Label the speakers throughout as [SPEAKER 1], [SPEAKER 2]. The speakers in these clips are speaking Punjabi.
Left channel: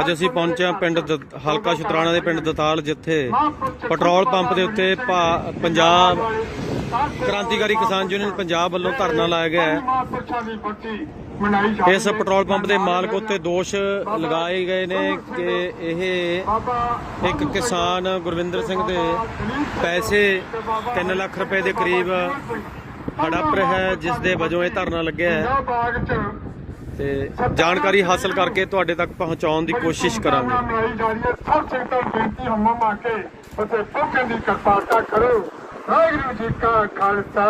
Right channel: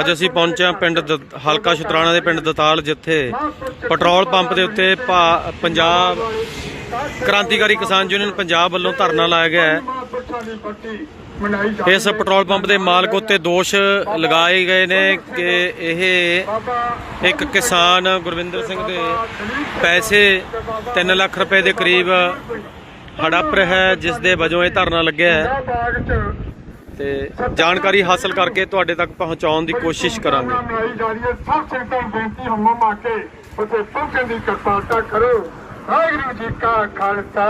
[SPEAKER 1] ਅੱਜ ਅਸੀਂ ਪਹੁੰਚੇ ਹਾਂ ਪਿੰਡ ਦ- ਹਲਕਾ ਸ਼ੁਤਰਾਣਾ ਦੇ ਪਿੰਡ ਦਤਾਲ, ਜਿੱਥੇ ਪੈਟਰੋਲ ਪੰਪ ਦੇ ਉੱਤੇ ਭਾ- ਪੰਜਾਬ ਕ੍ਰਾਂਤੀਕਾਰੀ ਕਿਸਾਨ ਯੂਨੀਅਨ ਪੰਜਾਬ ਵੱਲੋਂ ਧਰਨਾ ਲਾਇਆ ਗਿਆ ਹੈ। ਇਸ ਪੈਟਰੋਲ ਪੰਪ ਦੇ ਮਾਲਕ ਉੱਤੇ ਦੋਸ਼ ਲਗਾਏ ਗਏ ਨੇ ਕਿ ਇਹ ਇੱਕ ਕਿਸਾਨ ਗੁਰਵਿੰਦਰ ਸਿੰਘ ਦੇ ਪੈਸੇ 3 ਲੱਖ ਰੁਪਏ ਦੇ ਕਰੀਬ ਹੜਪ ਰਿਹਾ ਹੈ, ਜਿਸ ਦੇ ਵਜੋਂ ਇਹ ਧਰਨਾ ਲੱਗਿਆ ਹੈ। ਤੇ ਜਾਣਕਾਰੀ ਹਾਸਲ ਕਰਕੇ ਤੁਹਾਡੇ ਤੱਕ ਪਹੁੰਚਾਉਣ ਦੀ ਕੋਸ਼ਿਸ਼ ਕਰਾਂਗੇ।
[SPEAKER 2] ਵਾਹਿਗੁਰੂ ਜੀ ਕਾ ਖਾਲਸਾ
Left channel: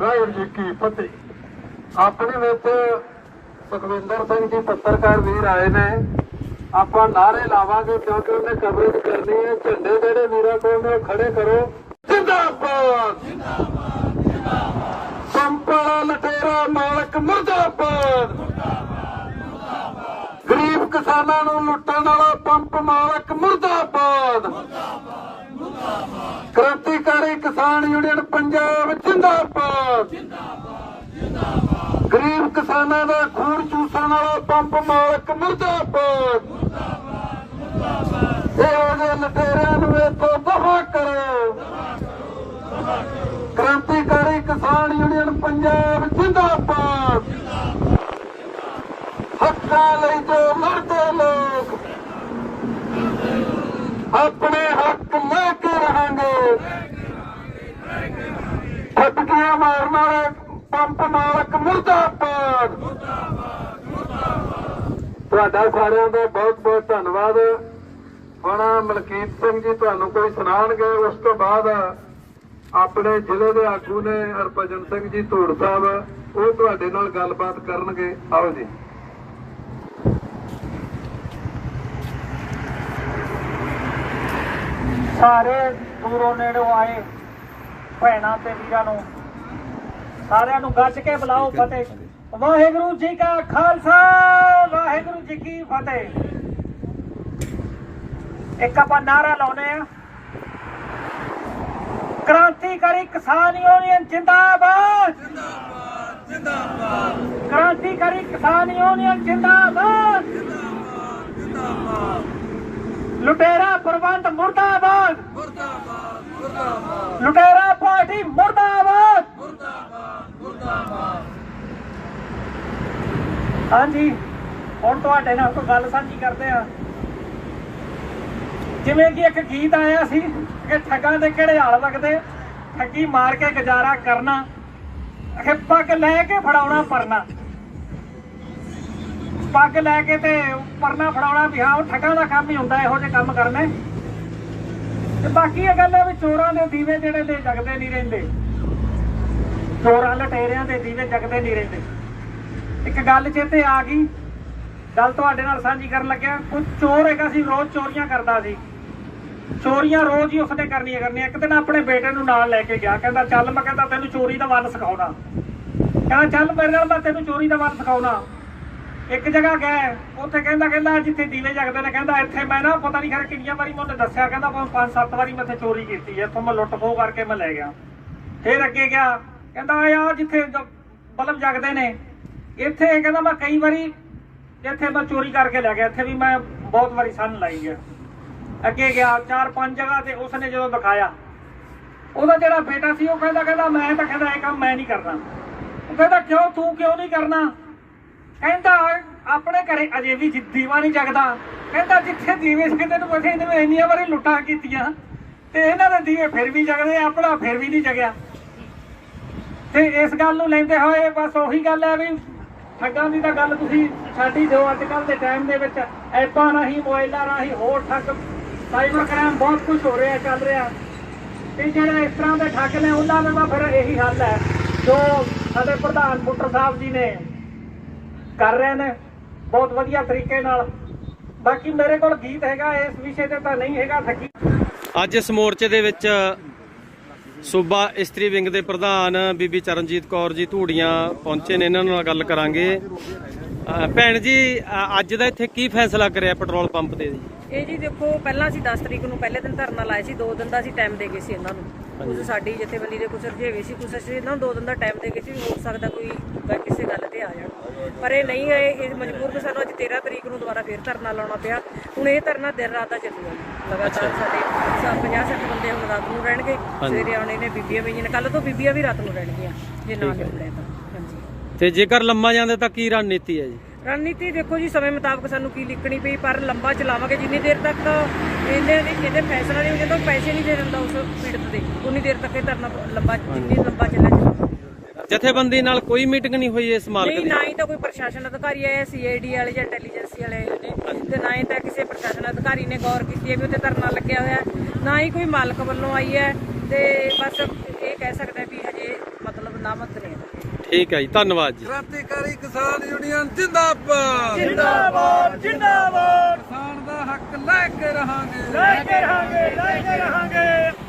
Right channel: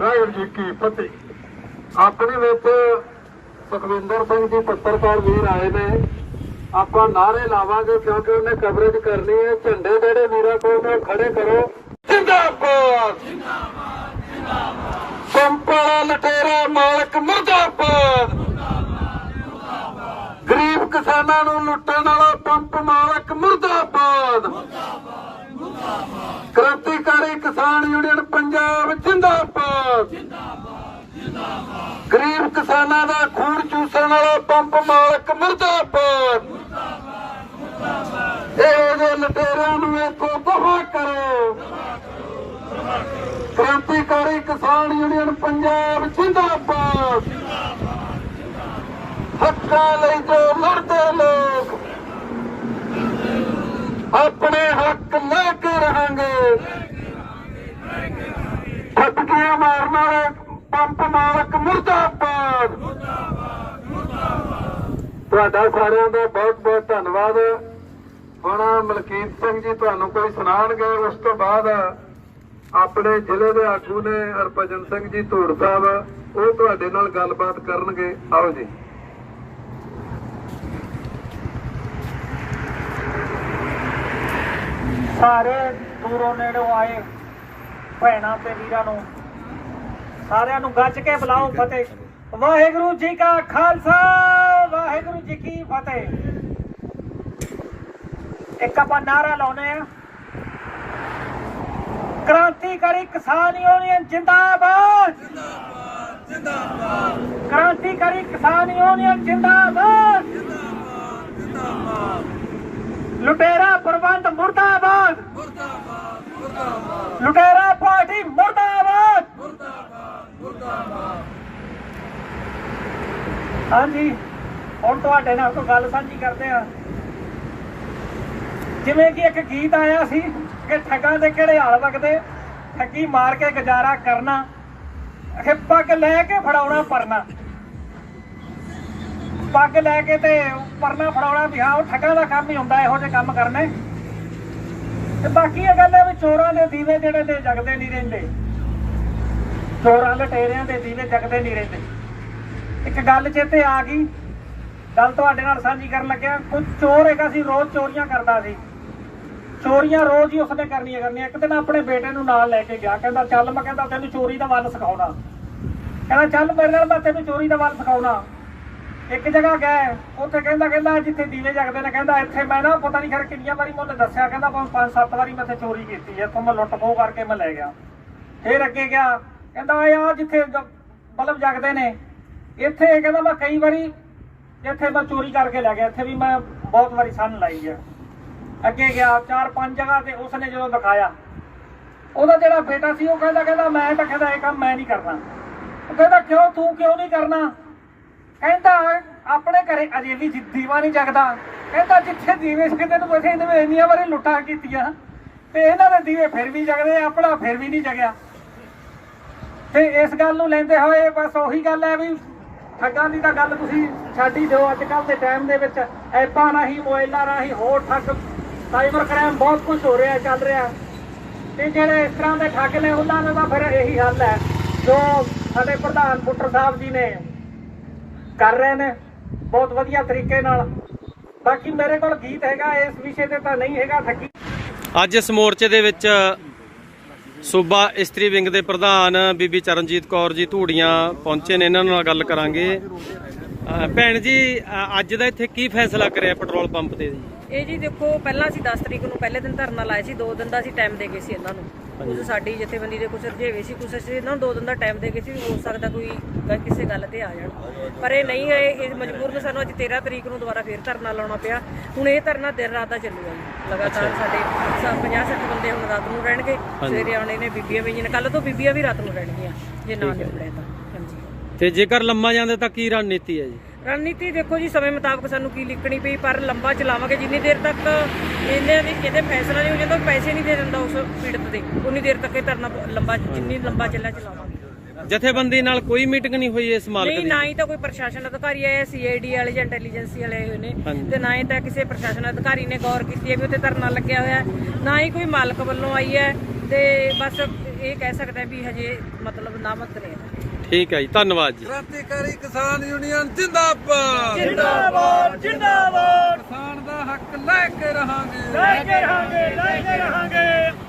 [SPEAKER 2] ਵਾਹਿਗੁਰੂ ਜੀ ਕੀ ਫਤਿਹ ਆਪਣੇ ਵਿੱਚ ਸੁਖਵਿੰਦਰ ਸਿੰਘ ਜੀ ਪੱਤਰਕਾਰ ਵੀਰ ਆਏ ਨੇ। ਆਪਾਂ ਨਾਰੇ ਲਾਵਾਂਗੇ ਕਿਉਂਕਿ ਉਹਨੇ ਕਵਰੇਜ ਕਰਨੀ ਹੈ। ਝੰਡੇ ਜਿਹੜੇ ਵੀਰਾਂ ਕੋਲ ਨੇ ਖੜੇ ਕਰੋ। ਜਿੰਦਾਬਾਦ! ਜਿੰਦਾਬਾਦ ਜਿੰਦਾਬਾਦ। ਸੰਪਾਲਾ ਲਟੇਰਾ ਮਾਲਕ ਮੁਰਦਾਬਾਦ! ਗਰੀਬ ਕਿਸਾਨਾਂ ਨੂੰ ਲੁੱਟਣ ਵਾਲਾ ਪੰਪ ਮਾਲਕ ਮੁਰਦਾਬਾਦ। ਕ੍ਰਾਂਤੀਕਾਰੀ ਕਿਸਾਨ ਯੂਨੀਅਨ ਪੰਜਾਬ, ਜਿੰਦਾਬਾਦ। ਜਿੰਦਾਬਾਦ ਗਰੀਬ ਕਿਸਾਨਾਂ ਦਾ ਖੂਨ ਚੂਸਣ ਵਾਲਾ ਪੰਪ ਮਾਲਕ ਮੁਰਦਾਬਾਦ। ਮੁਰਦਾਬਾਦ ਮੁਰਦਾਬਾਦ। ਲਟੇਰਾਂ ਨੂੰ ਇੱਥੋਂ ਦਫਾ ਕਰੋ। ਕ੍ਰਾਂਤੀਕਾਰੀ ਕਿਸਾਨ ਯੂਨੀਅਨ ਪੰਜਾਬ, ਜਿੰਦਾਬਾਦ। ਹੱਕਾਂ ਲਈ ਜੋ ਲੜਦੇ ਲੋਕ, ਆਪਣੇ ਹੱਕ ਲੈ ਕੇ ਰਹਾਂਗੇ। ਠੱਪਕੀਆਂ ਮਾਰ ਮਾਰ ਪੰਪ ਮਾਲਕ ਮੁਰਦਾਬਾਦ। ਤੁਹਾਡਾ ਸਾਰਿਆਂ ਦਾ ਬਹੁਤ ਬਹੁਤ ਧੰਨਵਾਦ। ਹੁਣ ਮਲਕੀਤ ਸਿੰਘ ਜੀ ਤੁਹਾਨੂੰ ਕੋਈ ਸੁਣਾਉਣਗੇ ਉਸ ਤੋਂ ਬਾਅਦ ਆਪਣੇ ਜ਼ਿਲ੍ਹੇ ਦੇ ਆਗੂ ਨੇ ਹਰਭਜਨ ਸਿੰਘ ਜੀ ਧੂੜ ਸਾਹਿਬ, ਉਹ ਤੁਹਾਡੇ ਨਾਲ ਗੱਲਬਾਤ ਕਰਨਗੇ। ਆਓ ਜੀ।
[SPEAKER 3] ਸਾਰੇ ਦੂਰੋਂ ਨੇੜੋਂ ਆਏ ਭੈਣਾਂ ਤੇ ਵੀਰਾਂ ਨੂੰ। ਸਾਰਿਆਂ ਨੂੰ ਗੱਜ ਕੇ ਬੁਲਾਓ ਫਤਿਹ। ਵਾਹਿਗੁਰੂ ਜੀ ਕਾ ਖਾਲਸਾ, ਵਾਹਿਗੁਰੂ ਜੀ ਕੀ ਫਤਿਹ। ਇੱਕ ਆਪਾਂ ਨਾਰਾ ਲਾਉਨੇ ਆ ਕ੍ਰਾਂਤੀਕਾਰੀ ਕਿਸਾਨ ਯੂਨੀਅਨ ਜਿੰਦਾਬਾਦ ਜਿੰਦਾਬਾਦ ਜਿੰਦਾਬਾਦ। ਕ੍ਰਾਂਤੀਕਾਰੀ ਕਿਸਾਨ ਯੂਨੀਅਨ ਜਿੰਦਾਬਾਦ। ਜਿੰਦਾਬਾਦ ਜਿੰਦਾਬਾਦ। ਲੁਟੇਰਾ ਪ੍ਰਬੰਧ ਮੁਰਦਾਬਾਦ। ਮੁਰਦਾਬਾਦ ਲੁਟੇਰਾ ਪਾਰਟੀ ਮੁਰਦਾਬਾਦ। ਮੁਰਦਾਬਾਦ ਮੁਰਦਾਬਾਦ। ਹਾਂਜੀ ਹੁਣ ਤੁਹਾਡੇ ਨਾਲ ਕੋਈ ਗੱਲ ਸਾਂਝੀ ਕਰਦੇ ਆ ਜਿਵੇਂ ਕਿ ਇੱਕ ਗੀਤ ਆਇਆ ਸੀ ਕਿ ਠੱਗਾਂ ਦੇ ਕਿਹੜੇ ਹਾਲ ਵਗਦੇ ਠੱਗੀ ਮਾਰ ਕੇ ਗੁਜ਼ਾਰਾ ਕਰਨਾ ਕਿ ਪੱਗ ਲੈ ਕੇ ਫੜਾਉਣਾ ਪਰਨਾ। ਪੱਗ ਲੈ ਕੇ ਤੇ ਪਰਨਾ ਫੜਾਉਣਾ ਵੀ ਹਾਂ, ਉਹ ਠੱਗਾਂ ਦਾ ਕੰਮ ਹੀ ਹੁੰਦਾ, ਇਹੋ ਜਿਹੇ ਕੰਮ ਕਰਨੇ। ਤੇ ਬਾਕੀ ਇਹ ਗੱਲ ਹੈ ਵੀ ਚੋਰਾਂ ਦੇ ਦੀਵੇ ਜਿਹੜੇ ਤੇ ਜਗਦੇ ਨਹੀਂ ਰਹਿੰਦੇ। ਚੋਰਾਂ ਲਟੇਰਿਆਂ ਦੇ ਦੀਵੇ ਜਗਦੇ ਨਹੀਂ ਰਹਿੰਦੇ। ਇੱਕ ਗੱਲ ਚੇਤੇ ਆ ਗਈ, ਗੱਲ ਤੁਹਾਡੇ ਨਾਲ ਸਾਂਝੀ ਕਰਨ ਲੱਗਿਆ, ਕੋਈ ਚੋਰ ਹੈਗਾ ਸੀ, ਰੋਜ਼ ਚੋਰੀਆਂ ਕਰਦਾ ਸੀ। ਚੋਰੀਆਂ ਰੋਜ਼ ਹੀ ਉਸਨੇ ਕਰਨੀਆਂ ਕਰਨੀਆਂ। ਇੱਕ ਦਿਨ ਆਪਣੇ ਬੇਟੇ ਨੂੰ ਨਾਲ ਲੈ ਕੇ ਗਿਆ, ਕਹਿੰਦਾ ਚੱਲ ਮੈਂ ਕਹਿੰਦਾ ਤੈਨੂੰ ਚੋਰੀ ਦਾ ਵੱਲ ਸਿਖਾਉਣਾ। ਕਹਿੰਦਾ ਚੱਲ ਮੇਰੇ ਨਾਲ ਮੈਂ ਤੈਨੂੰ ਚੋਰੀ ਦਾ ਵੱਲ ਸਿਖਾਉਣਾ। ਇੱਕ ਜਗ੍ਹਾ ਗਏ, ਉੱਥੇ ਕਹਿੰਦਾ ਕਹਿੰਦਾ ਜਿੱਥੇ ਦੀਵੇ ਜਗਦੇ ਨੇ, ਕਹਿੰਦਾ ਇੱਥੇ ਮੈਂ ਨਾ ਪਤਾ ਨਹੀਂ ਖਰ ਕਿੰਨੀਆਂ ਵਾਰੀ ਮੈਨੂੰ ਦੱਸਿਆ, ਕਹਿੰਦਾ ਮੈਂ ਪੰਜ ਸੱਤ ਵਾਰੀ ਮੈਂ ਇੱਥੇ ਚੋਰੀ ਕੀਤੀ ਹੈ ਇੱਥੋਂ ਮੈਂ ਲੁੱਟ ਖੋਹ ਕਰਕੇ ਮੈਂ ਲੈ ਗਿਆ। ਫੇਰ ਅੱਗੇ ਗਿਆ, ਕਹਿੰਦਾ ਓਏ ਜਿੱਥੇ ਜ- ਬਲਬ ਜਗਦੇ ਨੇ, ਇੱਥੇ ਕਹਿੰਦਾ ਮੈਂ ਕਈ ਵਾਰੀ ਇੱਥੇ ਮੈਂ ਚੋਰੀ ਕਰਕੇ ਲੈ ਗਿਆ, ਇੱਥੇ ਵੀ ਮੈਂ ਬਹੁਤ ਵਾਰੀ ਸੰਨ ਲਾਈ ਗਿਆ ਅੱਗੇ ਗਿਆ, ਚਾਰ ਪੰਜ ਜਗ੍ਹਾ ਤੇ ਉਸਨੇ ਜਦੋਂ ਦਿਖਾਇਆ, ਉਹਦਾ ਜਿਹੜਾ ਬੇਟਾ ਸੀ ਉਹ ਕਹਿੰਦਾ ਕਹਿੰਦਾ ਮੈਂ ਤਾਂ ਕਹਿੰਦਾ ਇਹ ਕੰਮ ਮੈਂ ਨਹੀਂ ਕਰਨਾ। ਉਹ ਕਹਿੰਦਾ, ਕਿਉਂ? ਤੂੰ ਕਿਉਂ ਨਹੀਂ ਕਰਨਾ? ਕਹਿੰਦਾ, ਆਪਣੇ ਘਰੇ ਅਜੇ ਵੀ ਦੀਵਾ ਨਹੀਂ ਜਗਦਾ। ਕਹਿੰਦਾ, ਜਿੱਥੇ ਦੀਵੇ ਜਗਦੇ ਨੇ ਬਸੇ ਇਹਨੇ ਇੰਨੀਆਂ ਵਾਰੀ ਲੁੱਟਾਂ ਕੀਤੀਆਂ। ਤੇ ਇਹਨਾਂ ਦੇ ਦੀਵੇ ਫਿਰ ਵੀ ਜਗਦੇ ਆਪਣਾ ਫਿਰ ਵੀ ਨਹੀਂ ਜਗਿਆ। ਤੇ ਇਸ ਗੱਲ ਨੂੰ ਲੈਂਦੇ ਹੋਏ ਬਸ ਉਹੀ ਗੱਲ ਹੈ ਵੀ ਠੱਗਾਂ ਦੀ ਤਾਂ ਗੱਲ ਤੁਸੀਂ ਛੱਡ ਹੀ ਦਿਓ। ਅੱਜ ਕੱਲ ਦੇ ਟਾਈਮ ਦੇ ਵਿੱਚ ਐਪਾਂ ਰਾਹੀਂ, ਮੋਬਾਈਲਾਂ ਰਾਹੀਂ ਹੋਰ ਠੱਗ ਸਾਈਬਰ ਕ੍ਰਾਈਮ ਬਹੁਤ ਕੁਝ ਹੋ ਰਿਹਾ, ਚੱਲ ਰਿਹਾ। ਤੇ ਜਿਹੜੇ ਇਸ ਤਰ੍ਹਾਂ ਦੇ ਠੱਗ ਨੇ, ਉਹਨਾਂ ਦਾ ਤਾਂ ਫਿਰ ਇਹੀ ਹੱਲ ਹੈ। ਜੋ ਸਾਡੇ ਪ੍ਰਧਾਨ ਪੁੱਟਰ ਸਾਹਿਬ ਜੀ ਨੇ ਕਰ ਰਹੇ ਨੇ। ਬਹੁਤ ਵਧੀਆ ਤਰੀਕੇ ਨਾਲ। ਬਾਕੀ ਮੇਰੇ ਕੋਲ ਗੀਤ ਹੈਗਾ, ਇਸ ਵਿਸ਼ੇ ਤੇ ਤਾਂ ਨਹੀਂ ਹੈਗਾ ਠੱਗੀ।
[SPEAKER 1] ਅੱਜ ਇਸ ਮੋਰਚੇ ਦੇ ਵਿੱਚ ਸੂਬਾ ਇਸਤਰੀ ਵਿੰਗ ਦੇ ਪ੍ਰਧਾਨ ਬੀਬੀ ਚਰਨਜੀਤ ਕੌਰ ਜੀ ਧੂੜੀਆਂ ਪਹੁੰਚੇ ਨੇ। ਇਹਨਾਂ ਨਾਲ ਗੱਲ ਕਰਾਂਗੇ। ਭੈਣ ਜੀ ਅੱਜ ਦਾ ਇੱਥੇ ਕੀ ਫੈਸਲਾ ਕਰਿਆ ਪੈਟਰੋਲ ਪੰਪ ਤੇ ਜੀ?
[SPEAKER 4] ਇਹ ਜੀ ਦੇਖੋ ਪਹਿਲਾਂ ਅਸੀਂ 10 ਤਰੀਕ ਨੂੰ ਪਹਿਲੇ ਦਿਨ ਧਰਨਾ ਲਾਇਆ ਸੀ 2 ਦਿਨ ਦਾ ਅਸੀਂ ਟਾਈਮ ਦੇ ਗਏ ਸੀ ਇਹਨਾਂ ਨੂੰ। ਕੁਝ ਸਾਡੀ ਜਥੇਬੰਦੀ ਦੇ ਕੁਝ ਰੁਝੇਵੇ ਸੀ ਕੁਝ ਅਸੀਂ ਇਹਨਾਂ ਨੂੰ ਦੋ ਦਿਨ ਦਾ ਟਾਈਮ ਦੇ ਕੇ ਸੀ ਹੋ ਸਕਦਾ ਕੋਈ ਕਿਸੇ ਗੱਲ ਤੇ ਆ ਜਾਣ। ਪਰ ਇਹ ਨਹੀਂ ਆਏ ਇਹ ਮਜਬੂਰਨ ਸਾਨੂੰ ਅੱਜ 13 ਤਰੀਕ ਨੂੰ ਦੁਬਾਰਾ ਫੇਰ ਧਰਨਾ ਲਾਉਣਾ ਪਿਆ। ਹੁਣ ਇਹ ਧਰਨਾ ਦਿਨ ਰਾਤ ਦਾ ਚੱਲੂਗਾ ਜੀ। ਲਗਾਤਾਰ ਸਾਡੇ 50 60 ਬੰਦੇ ਹੁਣ ਰਾਤ ਨੂੰ ਰਹਿਣਗੇ। ਸਵੇਰੇ ਆਉਣੇ ਨੇ ਬੀਬੀਆਂ ਵੀ ਨੇ। ਕੱਲ ਤੋਂ ਬੀਬੀਆਂ ਵੀ ਰਾਤ ਨੂੰ ਰਹਿਣਗੀਆਂ ਜੇ ਨਾ ਨਿਕਲੇ ਤਾਂ। ਹਾਂਜੀ।
[SPEAKER 1] ਤੇ ਜੇਕਰ ਲੰਮਾ ਜਾਂਦੇ ਤਾਂ ਕੀ ਰਣਨੀਤੀ ਹੈ ਜੀ?
[SPEAKER 4] ਰਣਨੀਤੀ ਦੇਖੋ ਜੀ ਸਮੇਂ ਮੁਤਾਬਕ ਸਾਨੂੰ ਕੀ ਲਿਖਣੀ ਪਈ ਪਰ ਲੰਬਾ ਚਲਾਵਾਂਗੇ। ਜਿੰਨੀ ਦੇਰ ਤੱਕ ਇਹਨੇ ਦੇ ਇਹਦੇ ਫੈਸਲਾ ਨਹੀਂ ਹੋ ਜਾਂਦਾ ਪੈਸੇ ਨਹੀਂ ਦੇ ਦਿੰਦਾ ਉਸ ਪੀੜਤ ਦੇ। ਉਨੀ ਦੇਰ ਤੱਕ ਇਹ ਧਰਨਾ ਲੰਬਾ ਜਿੰਨੀ ਲੰਬਾ ਚੱਲਿਆ ਚਲਾਵਾਂਗੇ
[SPEAKER 1] ਜਥੇਬੰਦੀ ਨਾਲ ਕੋਈ ਮੀਟਿੰਗ ਨਹੀਂ ਹੋਈ ਇਸ ਮਾਲਕ
[SPEAKER 4] ਨਹੀਂ
[SPEAKER 1] ਦੀ?
[SPEAKER 4] ਨਾ ਹੀ ਤਾਂ ਕੋਈ ਪ੍ਰਸ਼ਾਸਨ ਅਧਿਕਾਰੀ ਆਇਆ ਸੀਆਈਡੀ ਵਾਲੇ ਜਾਂ ਇੰਟੈਲੀਜੈਂਸੀ ਵਾਲੇ ਆਏ ਨੇ। ਤੇ ਨਾ ਹੀ ਤਾਂ ਕਿਸੇ ਪ੍ਰਸ਼ਾਸਨ ਅਧਿਕਾਰੀ ਨੇ ਗੌਰ ਕੀਤੀ ਹੈ ਵੀ ਉੱਥੇ ਧਰਨਾ ਲੱਗਿਆ ਹੋਇਆ ਹੈ। ਨਾ ਹੀ ਕੋਈ ਮਾਲਕ ਵੱਲੋਂ ਆਈ ਹੈ। ਤੇ ਬਸ ਇਹ ਕਹਿ ਸਕਦਾ ਵੀ ਹਜੇ ਮਤਲਬ ਨਾਮਤ ਨੇ ਇਹਦਾ
[SPEAKER 1] ਠੀਕ ਹੈ ਜੀ ਧੰਨਵਾਦ ਜੀ।
[SPEAKER 2] ਕ੍ਰਾਂਤੀਕਾਰੀ ਕਿਸਾਨ ਯੂਨੀਅਨ ਜਿੰਦਾਬਾਦ।
[SPEAKER 3] ਜਿੰਦਾਬਾਦ ਜਿੰਦਾਬਾਦ।
[SPEAKER 2] ਕਿਸਾਨ ਦਾ ਹੱਕ ਲੈ ਕੇ ਰਹਾਂਗੇ।
[SPEAKER 3] ਲੈ ਕੇ ਰਹਾਂਗੇ ਲੈ ਕੇ ਰਹਾਂਗੇ।